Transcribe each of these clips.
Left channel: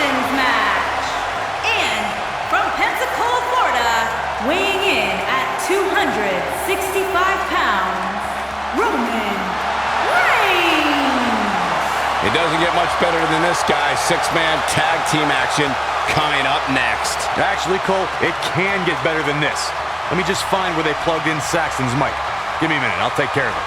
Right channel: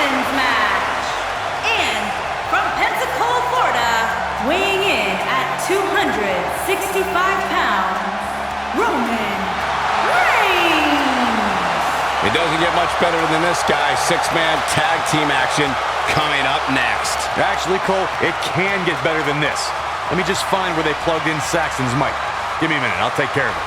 Eliminations match. And from Pensacola, Florida, weighing in at 265 pounds, Roman Reigns. It doesn't get much better than this, guy. Six-man tag team action coming up next. Actually, Cole, it can get better than this. Let me just find where they plugged in Saxton's mic. Give me a minute, I'll take care of it.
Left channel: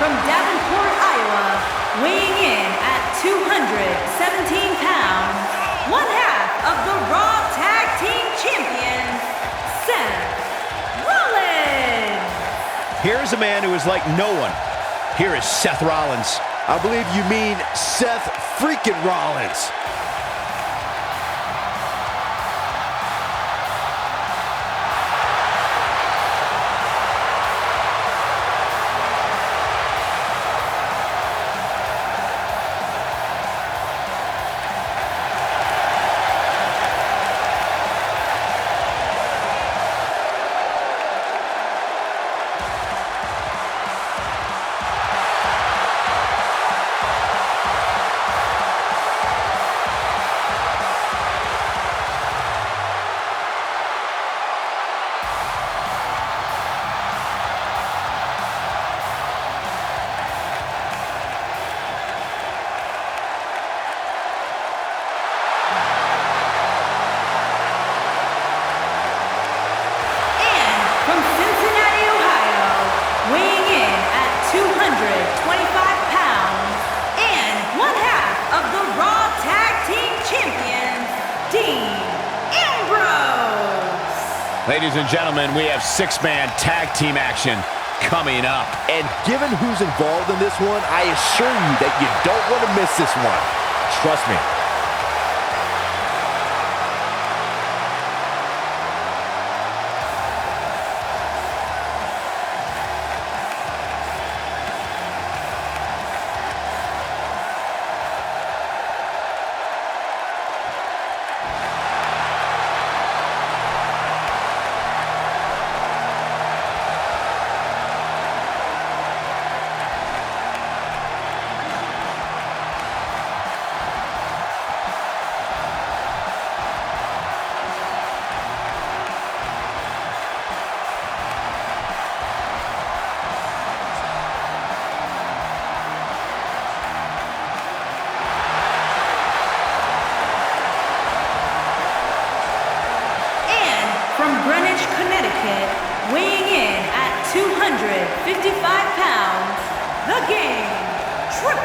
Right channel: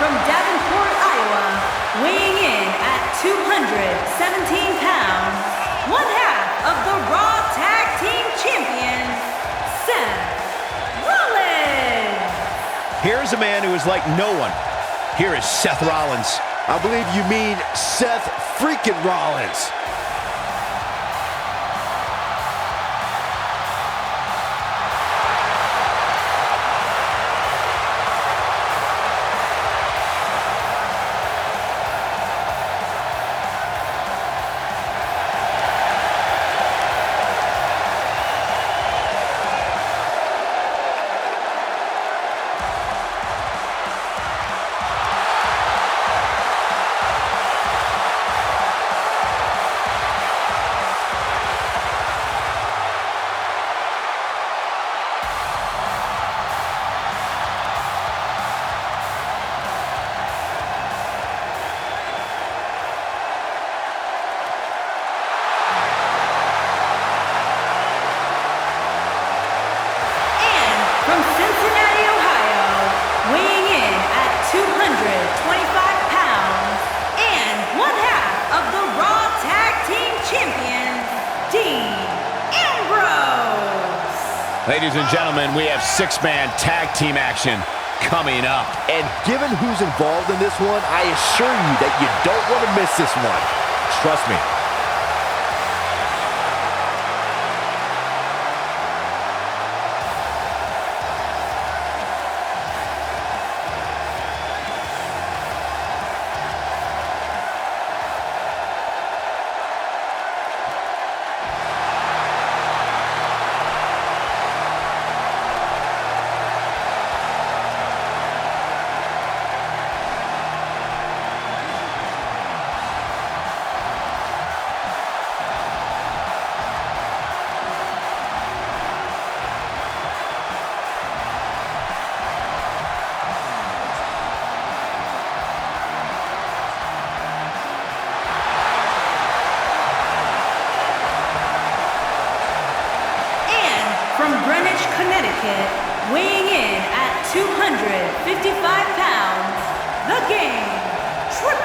From Davenport, Iowa, weighing in at 217 pounds, one half of the Raw Tag Team Champions, Seth Rollins. Here's a man who is like no one. Here is Seth Rollins. I believe you mean Seth freaking Rollins. From Cincinnati, Ohio, weighing in at 225 pounds, and one half of the Raw Tag Team Champions, Dean Ambrose. Ladies and gentlemen, we have six-man tag team action coming up. And given who's involved in this one, I assure you that you don't want to miss this one. Trust me. From Greenwich, Connecticut, weighing in at 255 pounds, the Game, Triple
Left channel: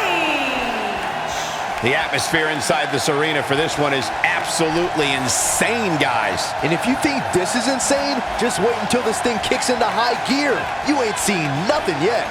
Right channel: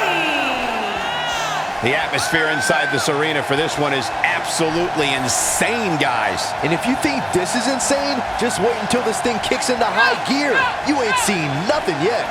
H. The atmosphere inside this arena for this one is absolutely insane, guys. And if you think this is insane, just wait until this thing kicks into high gear. You ain't seen nothing yet.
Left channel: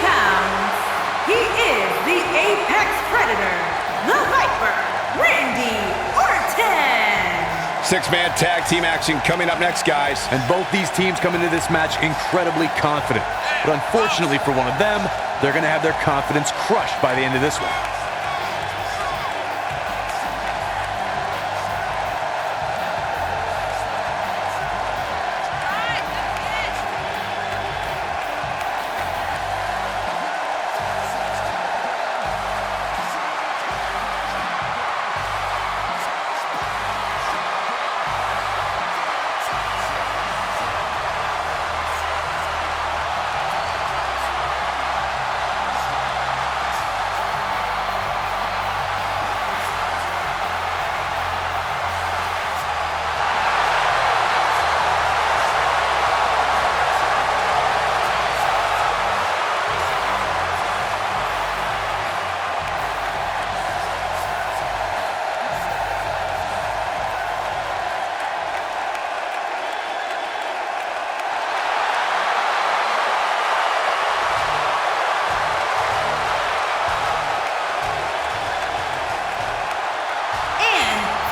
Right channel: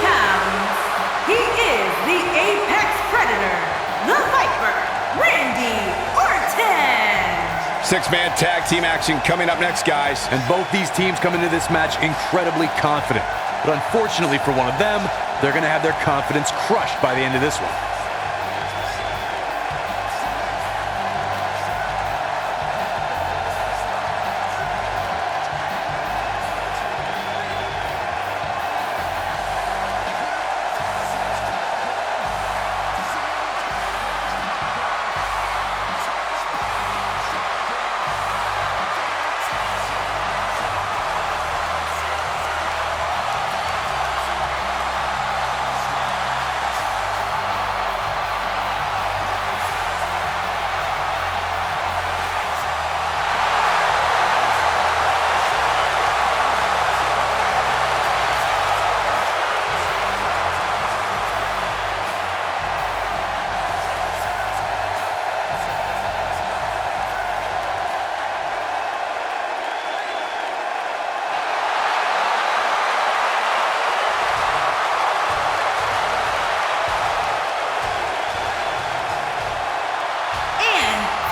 pounds, he is the Apex Predator, the Viper, Randy Orton. Six-man tag team action coming up next, guys. And both these teams come into this match incredibly confident. But unfortunately for one of them, they're going to have their confidence crushed by the end of this one.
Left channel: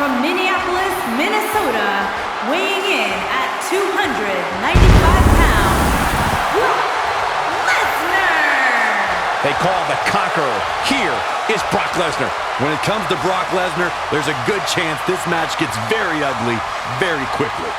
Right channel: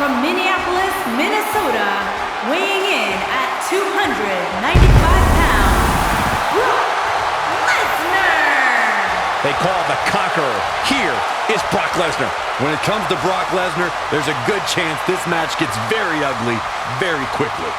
From Minneapolis, Minnesota, weighing in at 295 pounds, Brock Lesnar! They call the Conqueror. Here is Brock Lesnar. When it comes to Brock Lesnar, there's a good chance this match gets very ugly very quickly.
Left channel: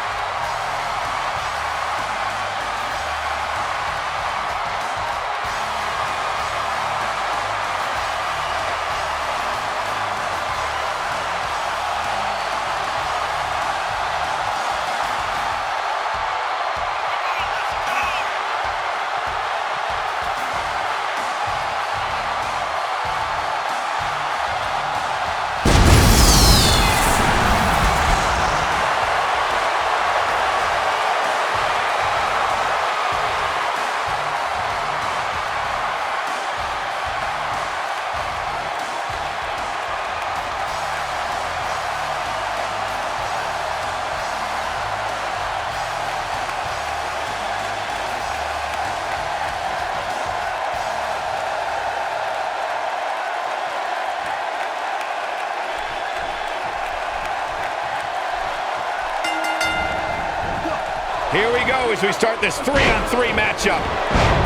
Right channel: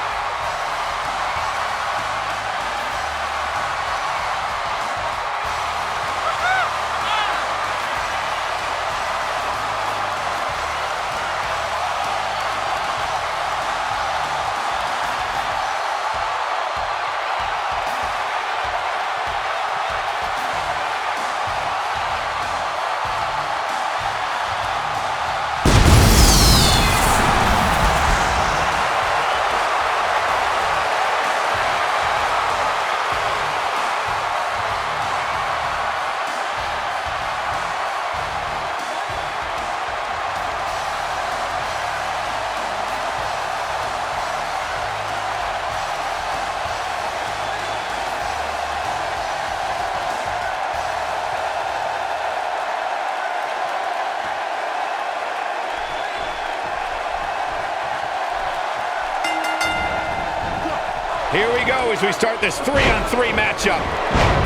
Here we go as we start this 3-on-3 matchup.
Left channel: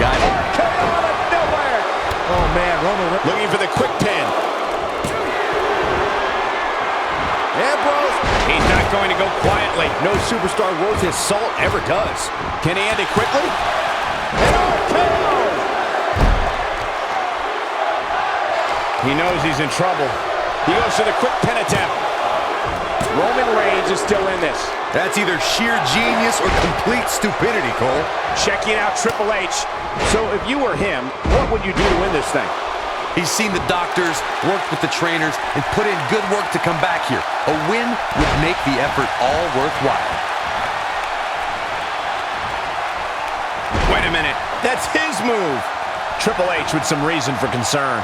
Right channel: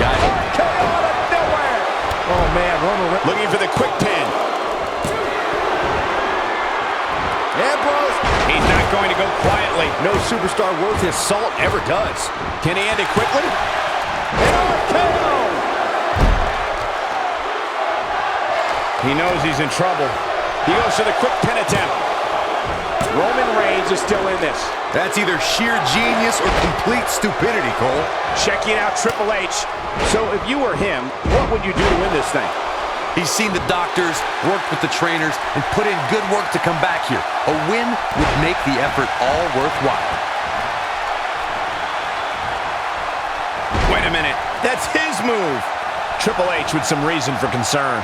Got it. RKO out of nowhere. Oh, man, Roman Looking for the quick pin. Ambrose. He's not going to go quietly. No superstar worth his salt ever does. Can he end it quickly? An RKO. He knows he's in trouble. He goes for the quick pin attempt. Roman Reigns is still in this. That's either sheer genius or complete stupidity, Cole. Checking out Triple H. So if you were him, what would you do to win this thing? He's seen the doctors, worked with the trainers, and put in good work to come back here. A win would make the effort all worthwhile. Wait a minute. That's his move. Triple H with some reason for concern.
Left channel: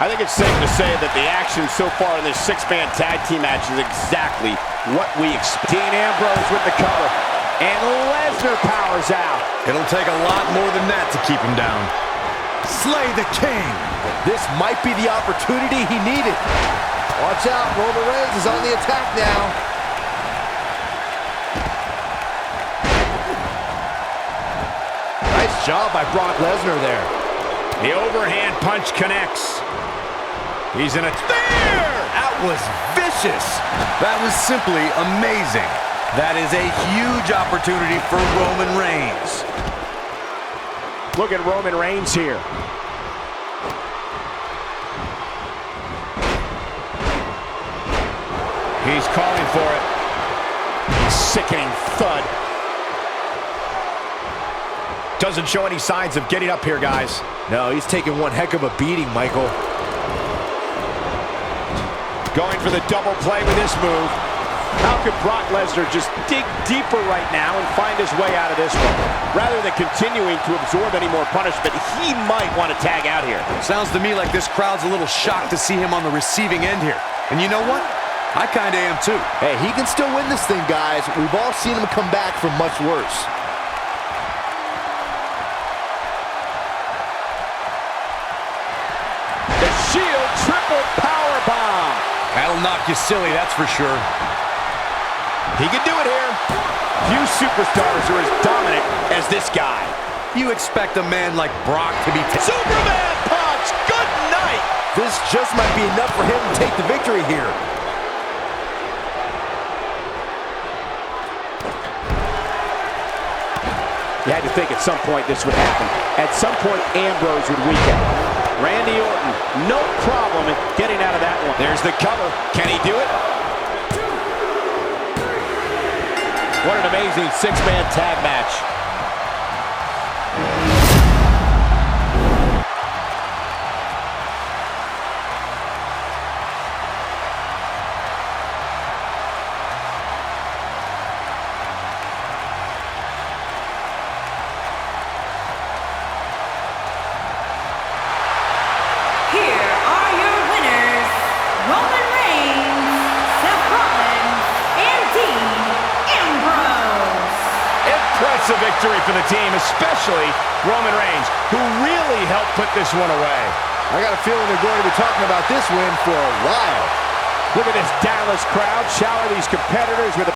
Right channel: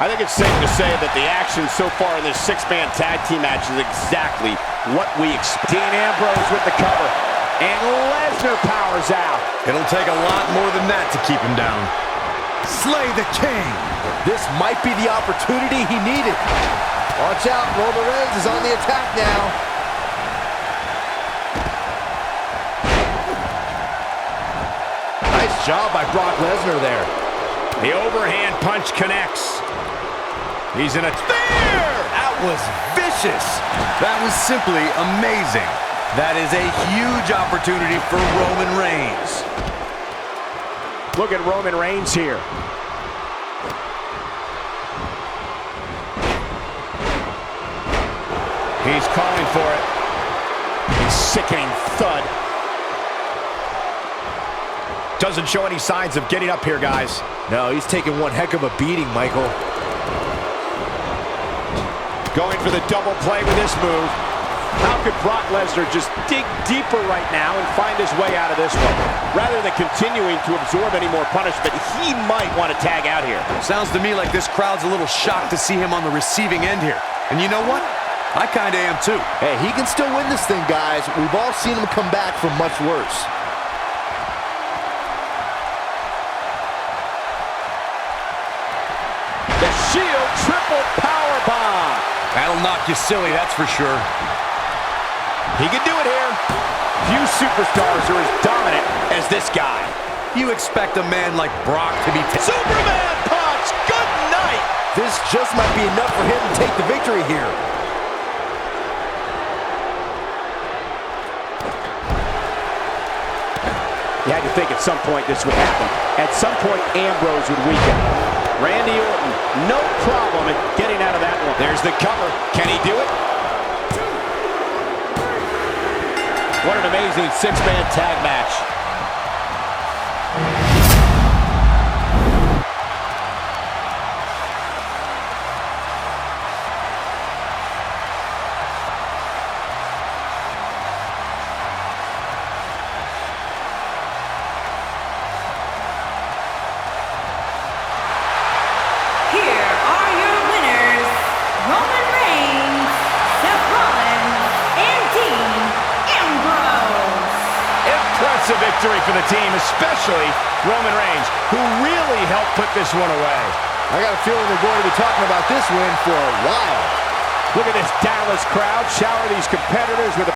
I think it's safe to say that the action so far in this six-man tag team match is exactly what we expect. Dean Ambrose with the cover, and Lesnar powers out. It'll take a lot more than that to keep him down. Slay the king. This might be the opportunity he needed. Watch out, Roman Reigns is on the attack now. Nice job by Brock Lesnar there. The overhand punch connects. He's in a There! That was vicious. That was simply amazing. That is a huge opportunity for Roman Reigns. Look at Roman Reigns here. He's calling for it. Sickening thud. Doesn't show any signs of getting up here, guys. No, he's taking one heck of a beating, Michael. Going for the double play with this move. How could Brock Lesnar just dig deeper right now and find his way out of this one? Rather than continuing to absorb any more punishment, he might want to tag out here. Sounds to me like this crowd's a little shocked to see him on the receiving end here. And you know what? I kind of am too. Hey, he can still win this thing, guys. We've all seen him come back from much worse. Shield triple power bomb. That'll knock you silly, that's for sure. He can do it here. Few superstars are as dominant as this guy. You expect a man like Brock to be... Superman punch! Good night! This just might be enough for him to take the victory here. You had to think at some point this would happen. At some point, Ambrose would weaken. Randy Orton, no problem in getting out of that one. There's the cover. Can he do it? What an amazing six-man tag match. Here are your winners, Roman Reigns, Seth Rollins, and Dean Ambrose. Impressive victory for the team, especially Roman Reigns, who really helped put this one away. I got a feeling they're going to be talking about this win for a while. Look at this Dallas crowd shower these competitors with